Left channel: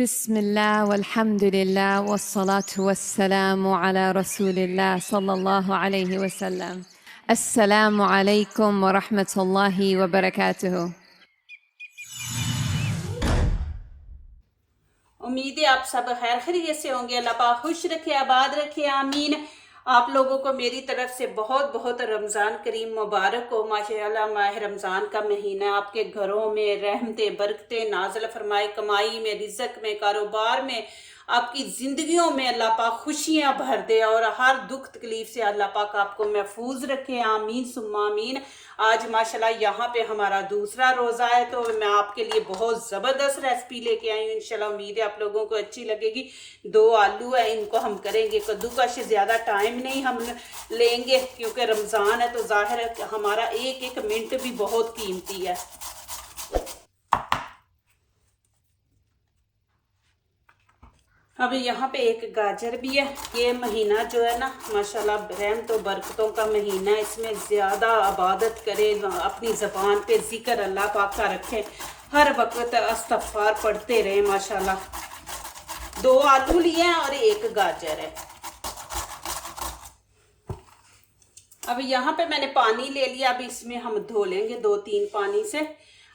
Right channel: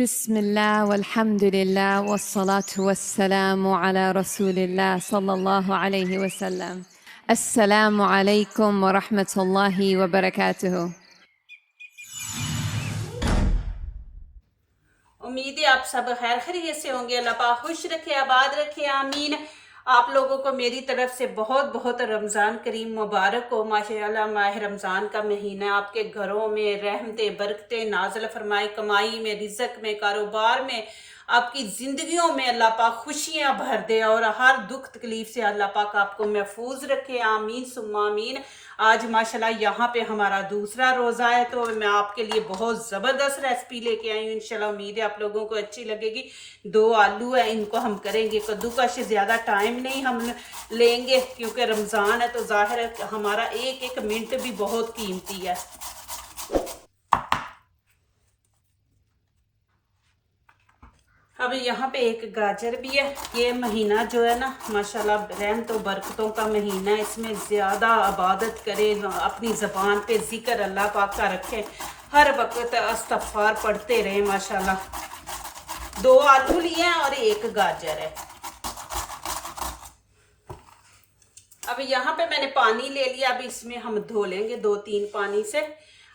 बिस्मिल्लाह वल्हम्दुलिल्लाह वस्सलातु वस्सलामु अला रसूलिल्लाह सल्लल्लाहु अलैहि वसल्लम। अस्सलामु अलैकुम व रहमतुल्लाहि व बरकातुहू। उम्मीद है आप सब खैर खैरियत से होंगे। अल्लाह पाक खुश रखे, आबाद रखे, आमीन। आप लोगों को मेरी तरफ से बहुत बहुत रमज़ान करीम मुबारक हो। माशाअल्लाह माह रमज़ान का महीना आपके घरों में रहमतें बरकतें नाज़िल फरमाए, कमाई में, रिज़्क में, कारोबार में, आपकी ज़िंदगियों में अल्लाह पाक खुशियाँ भर दे और हर दुख तकलीफ़ से अल्लाह पाक आपको महफूज रखे, आमीन सुम्मा आमीन। आज माशाल्लाह यहाँ पे हमारा दूसरा रोज़ा है, तो मैं आपके लिए बहुत ज़बरदस्त रेसिपी लेके आई हूँ। इंशाल्लाह उम्मीद है आप लोगों को अच्छी लगेगी। 2 आलू है, इनको हम करेंगे कद्दूकश। ज़्यादा टाइम नहीं हम लेंगे क्योंकि रमज़ान है, तो ज़ाहिर है हमारा एक एक मिनट भी बहुत कीमती है। अब यहाँ पे एक गाजर भी है। ये महीना जो है ना माशाल्लाह रहम तो बरकतों का महीना है। इसमें ज़्यादा इबादत करें, अपनी ज़बान पे ज़िक्र अल्लाह पाक का रखें, हर वक्त इस्तग़फ़ार पढ़ते रहें। माशाल्लाह 2 आलू लिए हैं और 1 गाजर है। अब यहाँ पे मैंने पानी ले लिया। अब इसमें हम धो लेंगे 2-3 पानी से।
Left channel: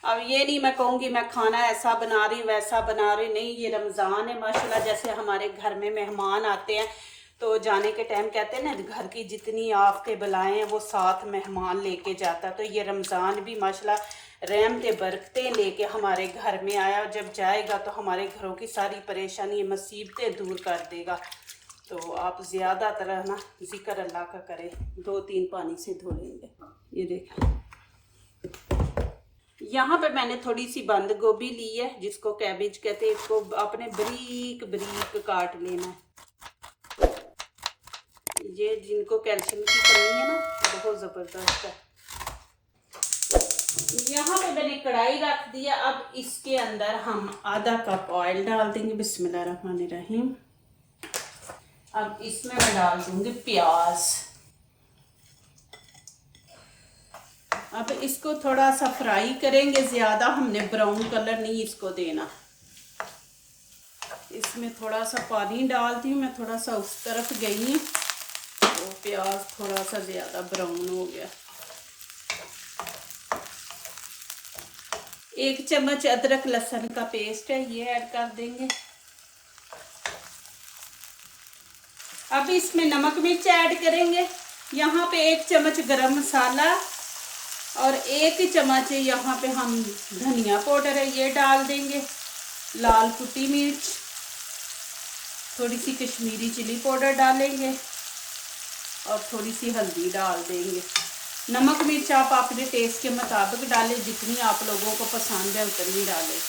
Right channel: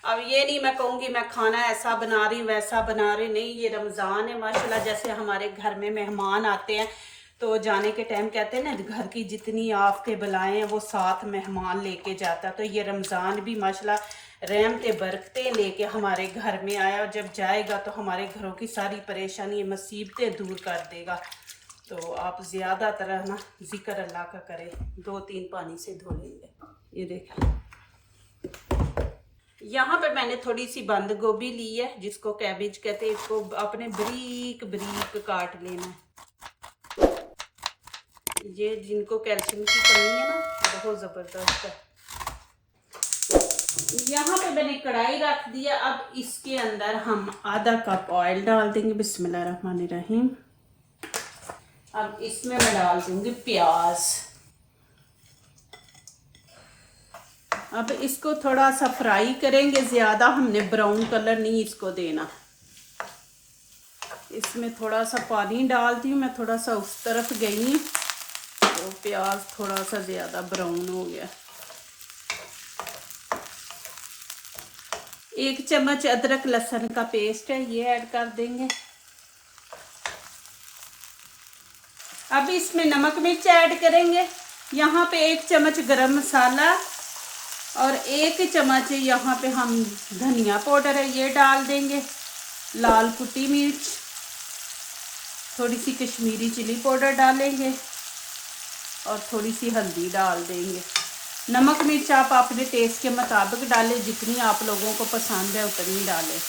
अब ये नहीं मैं कहूँगी मैं खाना ऐसा बना रही वैसा बना रही, नहीं। ये रमज़ान है माशाल्लाह। जैसे हमारे घर में मेहमान आते हैं तो जाने के टाइम कहते हैं ना, घर की जितनी आफतें बलाएं हैं वो साथ मेहमान लेके जाता। तो ये रमज़ान भी माशाल्लाह रहमतें बरकतें लेके हमारे घर में आया, और जब जाएगा तो हमारे घरों की सारी परेशानी मुसीबतें दूर कर देगा। तो आप ज़्यादातर ना ज़िक्र अल्लाह का करें। 2-3 पानी से धो लेंगे। ये देखें, यहाँ पे मैंने थोड़ी सी बंद गोभी ली है, जिसको कैबेज कहते हैं। इसको आपने बारीक बारीक काट लेना है। ये जिनको कैल्शियम की कमी है ना, बहुत ज़बरदस्त है। यहाँ पे मैंने कढ़ाई रख दिया। अब इसके अंदर हम आधा कप ऑयल डाल देंगे। बिस्मिल्लाहिर्रहमानिर्रहीम। अब इसमें मैं डाल दूंगी प्याज। अब इसको थोड़ा सा फ्राई करेंगे, ज़्यादा हमने ब्राउन कलर नहीं इसको देना। इसमें थोड़ा सा पानी डालती हूँ मैं, थोड़ा सा उस तरफ गई तो प्याज थोड़ा सा ज़्यादा ब्राउन हो गया। 1 चम्मच अदरक लहसुन का पेस्ट है, ये ऐड कर देंगे। अब इसमें नमक मिर्च ऐड करेंगे। यहाँ पे 1 चम्मच गरम मसाला और 1 चम्मच यहाँ पे हम धनिया पाउडर है, ये डाल देंगे। लाल कुटी मिर्च, थोड़ी सी कश्मीरी चिली पाउडर डालेंगे और थोड़ी सी हल्दी डाल देंगे। नमक मिर्च आप अपने टेस्ट के मुताबिक डालें, जितनी आप लोगों को पसंद है उतनी डालें।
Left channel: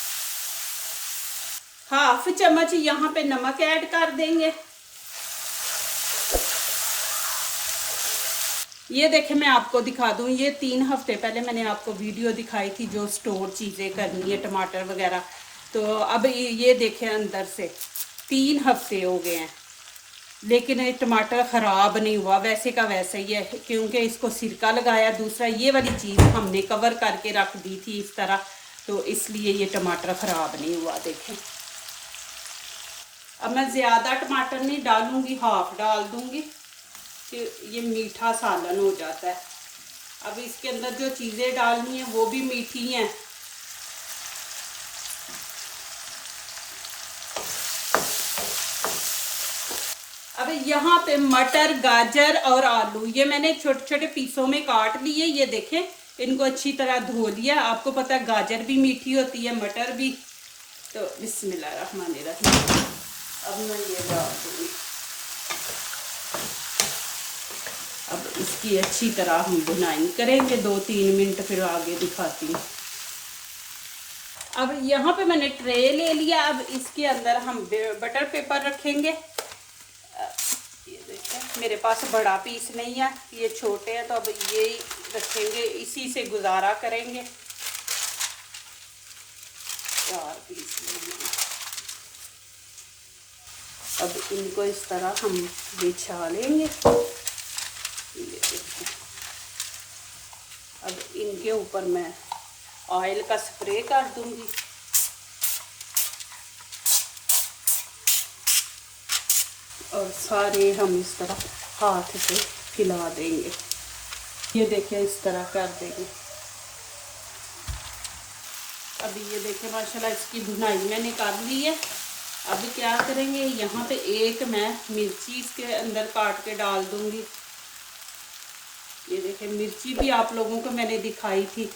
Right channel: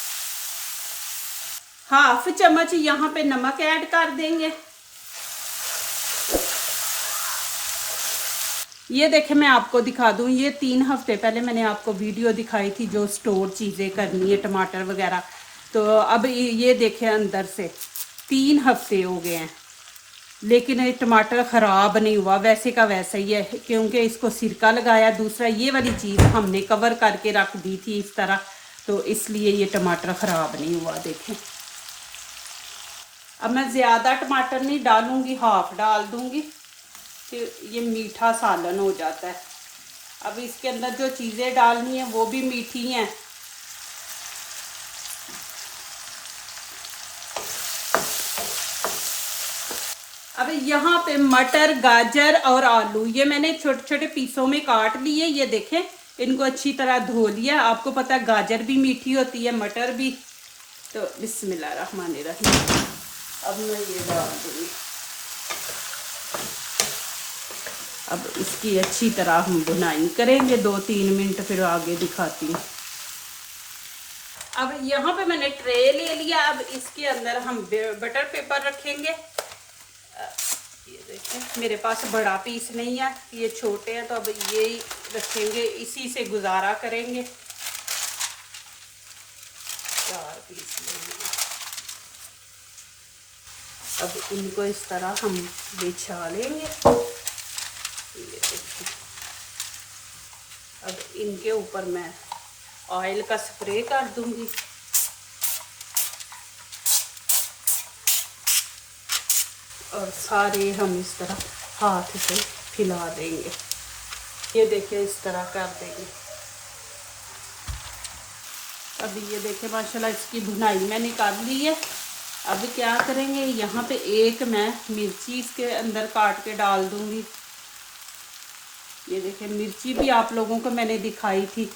1/2 चम्मच यहाँ पे नमक ऐड कर देंगे। ये देखें, मैं आपको दिखा दूँ, ये 3 हफ्ते पहले मैंने आपको वीडियो दिखाई थी जो स्टोर चीज़ें करनी है, टमाटर वगैरह। तो अब ये देखें, अंदर से 3 हफ्ते हो गए हैं, लेकिन ये टमाटर ख़राब नहीं हुआ, वैसे का वैसा ही है, क्योंकि इसको सिरका लगाया। दूसरा ये वाली चीज़ हमने कवर करके रख दी थी इस तरह, तो इसलिए ये टमाटर ख़राब नहीं हुआ। देखें, अब मैं ज़्यादा टमाटर नहीं डालूँगी, 1/2 डाल दूँगी, ये मीठा सालन हो जाता है। अब इसके अंदर जो चीज़ें डालनी है वो भी मीठी हैं। अब यहाँ पे मटर, गाजर और आलू ये मैंने छोटे छोटे पीसों में काट लिए। ये देखें, इनको अच्छी तरह धो लिया। आपको पता है गाजर भी मीठी होती है, मटर भी। तो बिस्मिल्लाहिर्रहमानिर्रहीम। अब मैं ये डाल दूँगी। अब इसकी अच्छी तरह हम भुनाई करेंगे 2-3 मिनट, फिर आगे दिखाती हूँ। अब यहाँ पे मैंने ट्रे ले लिया। अब इसके अंदर हम बटर पेपर रखेंगे। ये देखें, मेरे पास बड़ा पीस नहीं है, ये छोटे हैं, तो अब ये रखेंगे, इसी से गुजारा करेंगे। 4 पीस लेंगे। अब इनको इस तरह हम बिछा लेंगे। अब इनके ऊपर मैं ऑयल का स्प्रे कर दूंगी। और सारे हम इस तरह हाथ से फैला देंगे। ये देखिए इस तरह कर देंगे। अभी ये देखिए माशाल्लाह इसकी भुनाई मैं निकाल ली है। अब क्या करेंगे, यहाँ पे एक मैं मिर्ची इसके अंदर काट के डाल दूंगी। ये देखिए मिर्ची भी आप लोगों को मैंने दिखाई थी,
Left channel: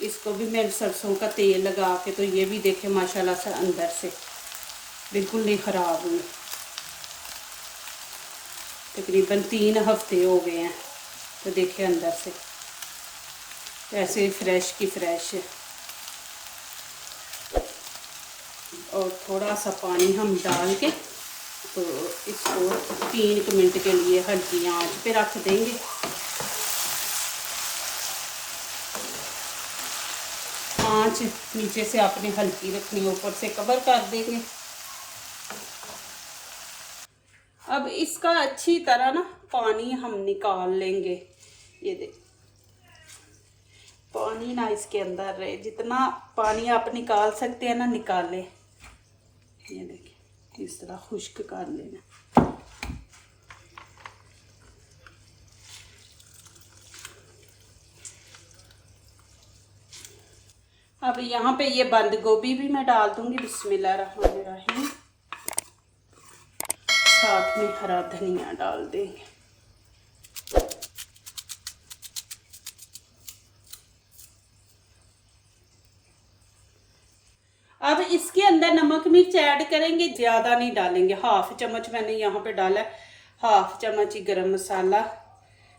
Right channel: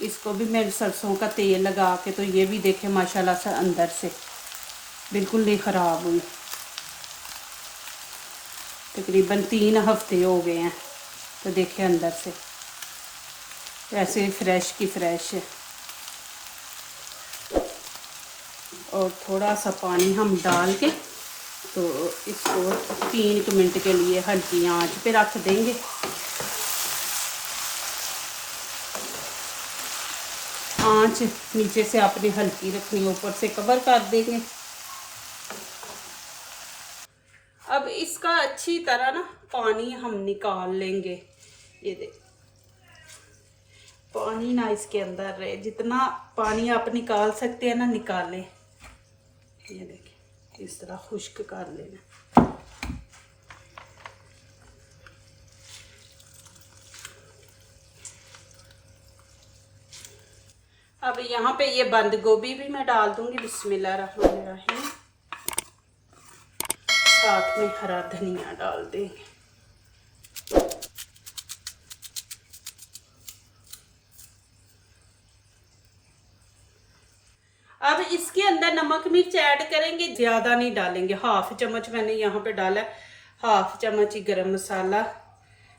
इसको भी मैं सरसों का तेल लगा के, तो ये भी देखे माशाल्लाह से अंदर से बिल्कुल नहीं ख़राब हुई। तकरीबन 3 हफ्ते हो गए हैं, तो देखिए अंदर से ऐसे फ्रेश की फ्रेश है। और थोड़ा सा पानी हम डाल के तो इसको 3 मिनट के लिए हल्की आंच पे रख देंगे। आंच नीचे से अपनी हल्की रखनी, ऊपर से कवर कर देंगे। अब इसका अच्छी तरह ना पानी हम निकाल लेंगे। ये देख पानी ना इसके अंदर रहे, जितना पानी आप निकाल सकते हैं ना निकालें। ये देखिए इस तरह खुश्क कर लेना। अब यहाँ पे ये बंद गोभी भी मैं डाल दूंगी, बिस्मिल्लाहिर्रहमानिर्रहीम। साथ में हरा धनिया डाल देंगे। अब इसके अंदर नमक मिर्च ऐड करेंगे, ज़्यादा नहीं डालेंगे। 1/2 चम्मच मैंने यहाँ पे डाला है। 1/2 चम्मच ही गरम मसाला,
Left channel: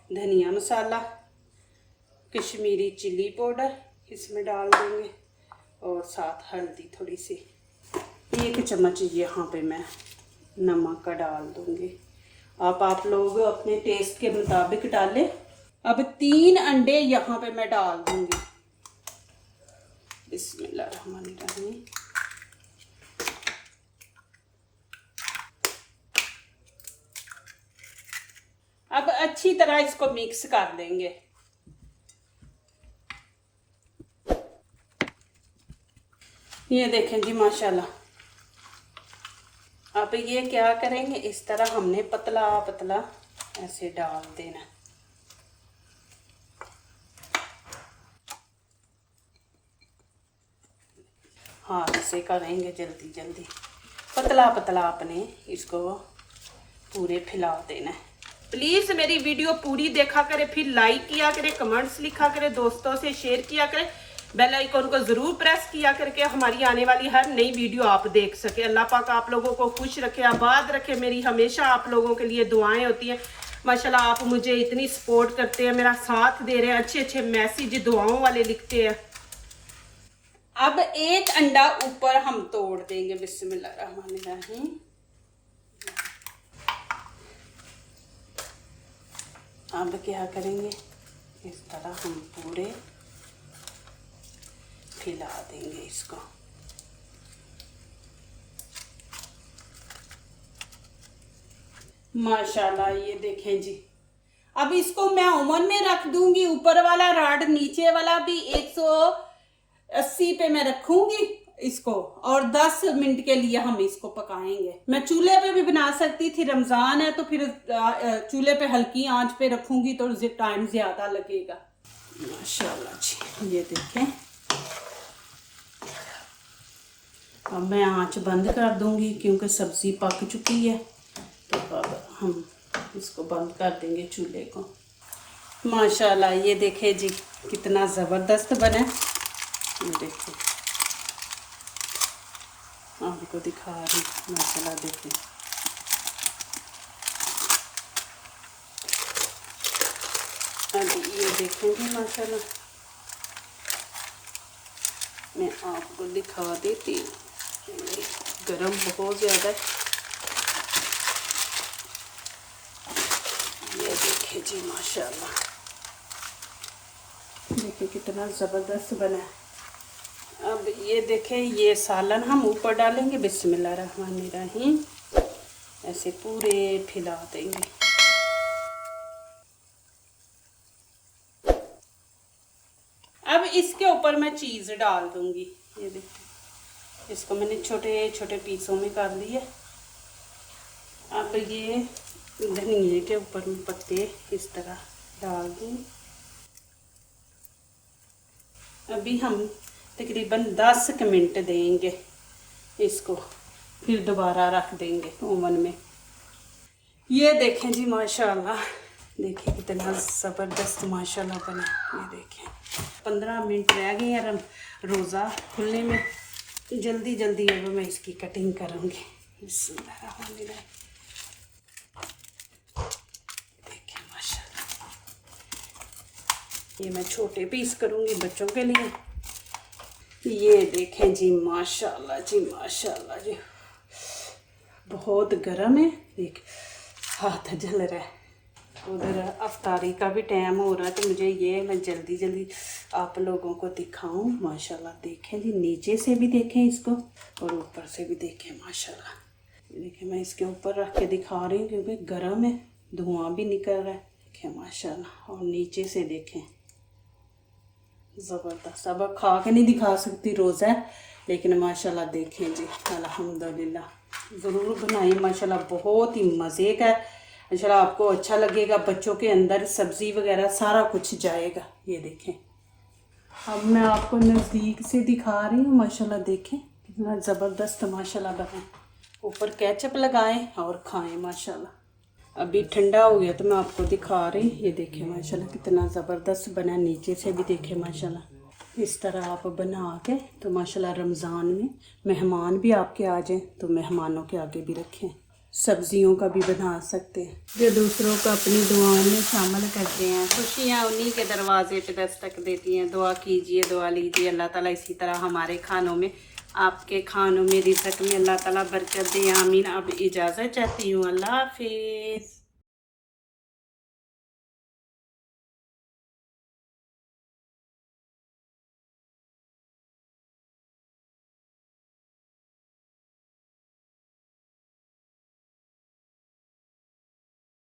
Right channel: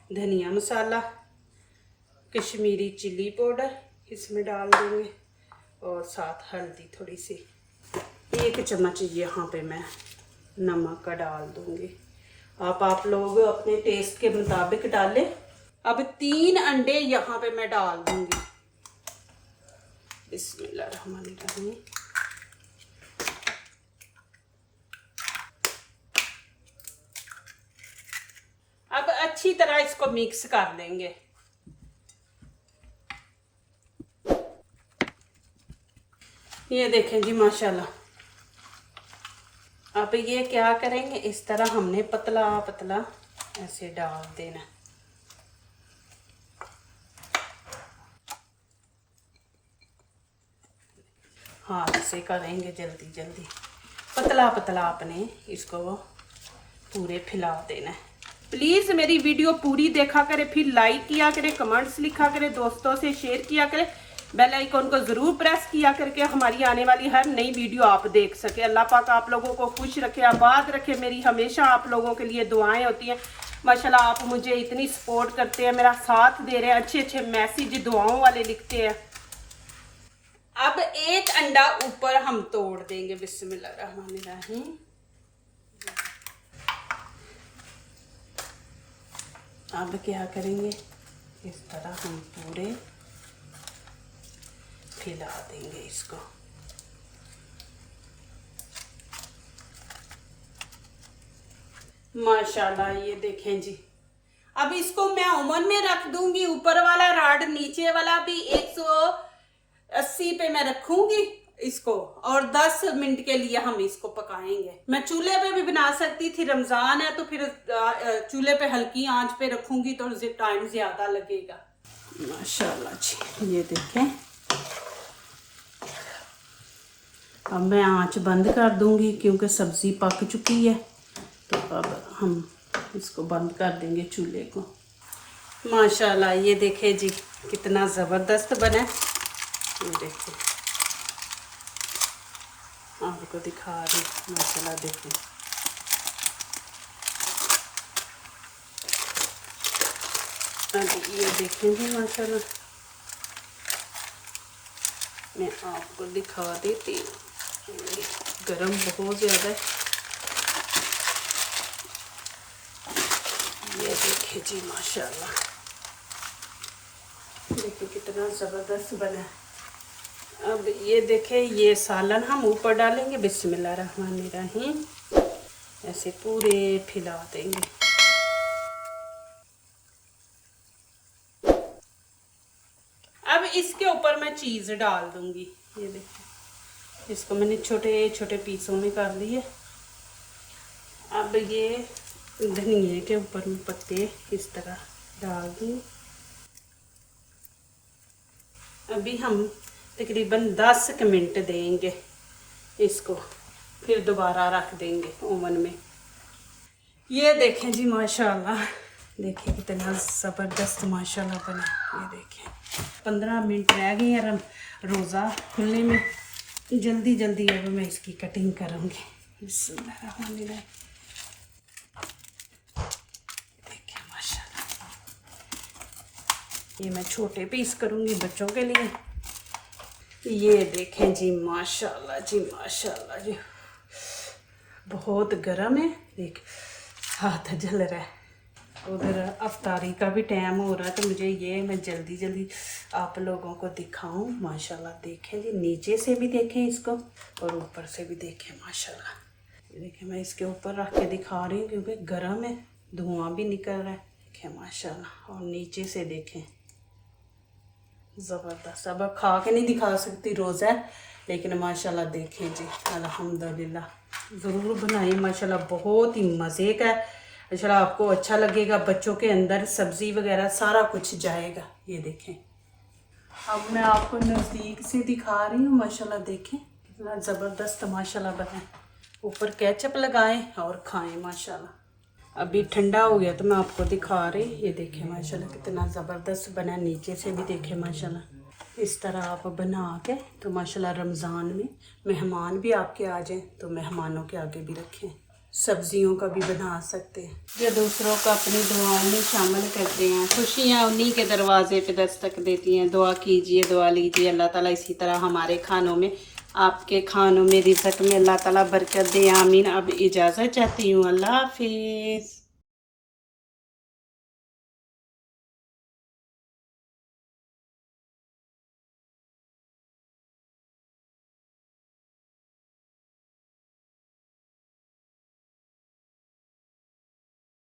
धनिया मसाला, कश्मीरी चिल्ली पाउडर इसमें डाल देंगे, और साथ हल्दी थोड़ी सी। 1 चम्मच यहाँ पे मैं नमक का डाल दूँगी। आप लोग अपने टेस्ट के मुताबिक डालें। अब 3 अंडे यहाँ पे मैं डाल दूँगी। बिस्मिल्लाहिर्रहमानिर्रहीम। अब अच्छी तरह इसको मिक्स कर देंगे। ये देखें जी माशाल्लाह। अब ये क्या करेंगे, इस तरह हमने पतला पतला ऐसे डाल देना। हाथ से करेंगे जल्दी जल्दी, पतला पतला अपने इसको पूरे फैला देना है। प्लीज़ मेरी वीडियो पूरी देखा करें, फिर लाइक किया करें, कमेंट्स लिखा करें, दोस्तों से शेयर किया करें, बेल आइकन को ज़रूर प्रेस किया करके हमारी आने वाली हर नई वीडियो आप देख सके। अल्लाह पाक आप लोगों को खुश रखे, आबाद रखे। मेरी हमेशा आप लोगों के लिए दुआएं होती हैं। माशाल्लाह आप मुझे इतनी सपोर्ट करते हैं, मेरा साथ दे रहे हैं, अच्छे अच्छे मैसेज दुआओं वाले लिखते हैं। अब 1 अंडा ऊपर हम तोड़ देंगे। बिस्मिल्लाहिर्रहमानिर्रहीम। अब क्या करेंगे, इस तरह हम पूरे फैला देंगे इसको। माशाल्लाह ये देखें जी। अब इसको मैं ओवन में रख दूंगी। ऊपर वाला राड, नीचे वाला भी 180 पे मैं रखूंगी इसको, और 10 मिनट के लिए हम इसको पकाएंगे। मैं चूल्हे पे भी बना सकती थी, रमजान है तो फिर चूल्हे पे हल्की आंच पे रखूंगी तो टाइम ज्यादा लगेगा। माशाल्लाह जी ये देखें। अब मैं आंच बंद कर दूंगी क्योंकि सब्जी पक चुकी है, तो अब हम इसको बंद कर देंगे चूल्हे को। माशाल्लाह ये देखें जी कितना ज़बरदस्त बना। ये देखिए आपको दिखा रही, माशाल्लाह देखिए। अब ये देखेंगे माशाल्लाह, मैं आपको दिखा देती हूँ। गरम बहुत ज़्यादा है। ये देखिए जी माशाल्लाह, देखिए कितना ज़बरदस्त बना है। अब ये देखें, ये सालन हम ऊपर डालेंगे। बिस्मिल्लाहिर्रहमानिर्रहीम। ऐसे पूरे फैला देंगे। अब इसके ऊपर मैं चीज़ डाल दूंगी। ये देखिए इसको मैंने छोटे छोटे पीसों में कर लिए, अब ये धनिए के ऊपर में पत्ते इस तरह डाल दूँ। अभी हम तकरीबन 10 मिनट देंगे इसको, फिर दोबारा रख देंगे ओवन में। ये देखें जी माशाल्लाह, देखिए कितना ज़बरदस्त माशाल्लाह बना। ये देखें 15 मिनट रह गए हैं रोज़ा खुलने में। जल्दी जल्दी अब मैं इसकी कटिंग करूँगी। बिस्मिल्लाह। देखिए माशाल्लाह, ये मैं छोटे पीस करूँगी बच्चों के लिए। ये देखें जी माशाल्लाह जी, माशाल्लाह जी, बहुत गर्म है। देख हाथ जल रहा है। उधर अफ्तारी का भी टाइम हो रहा है, तो मुझे ये मैं जल्दी जल्दी आप लोगों को दिखाऊं। माशाल्लाह देखें जी, नीचे से भी देखें इसको और ऊपर से भी देखें माशाल्लाह। ये देखें मैं इसके ऊपर रख के दिखा रही हूँ क्योंकि गर्म है, धुआं भी निकल रहा है। देखें माशाल्लाह, और नीचे से देखें ज़बरदस्त। अब खा के नहीं दिखा सकती रोज़ा, लेकिन माशाल्लाह देखें जी अल्हम्दुलिल्लाह। ज़रूर बनाइए माशाल्लाह, बहुत ही मज़े का है। इंशाल्लाह आपको अच्छा लगेगा। बच्चों के अंदर सब्ज़ी वगैरह सारा कुछ जाएगा। ये देखें, अब मैं आपको नज़दीक से दिखा रही हूँ। माशाल्लाह देखें कितना ज़बरदस्त माशाल्लाह बना है। ऊपर केचप लगाएं और खाएं माशाल्लाह। अभी ठंडा हो गया तो मैं आपको दिखा रही। ये देखें माशाल्लाह कितना ज़बरदस्त बना। नीचे से भी देखें माशाल्लाह। इस तरह आप बना के तो माशाल्लाह रमज़ान में मेहमान भी आपके आ जाएं तो मेहमानों के आगे भी रखें। सब्जियों का भी बना सकते हैं। जो दूसरों को अपनी दुआओं में शामिल करते हैं, खुशियाँ उन्हीं के दरवाजे पे दस्तक देती हैं। दुआ कीजिए, दुआ लीजिए। अल्लाह ताला इसी तरह हमारे खानों में, आपके खानों में, रिज़्क़ में अल्लाह ताला बरकत दे। आमीन। अब इजाज़त चाहती हूँ। अल्लाह हाफिज़।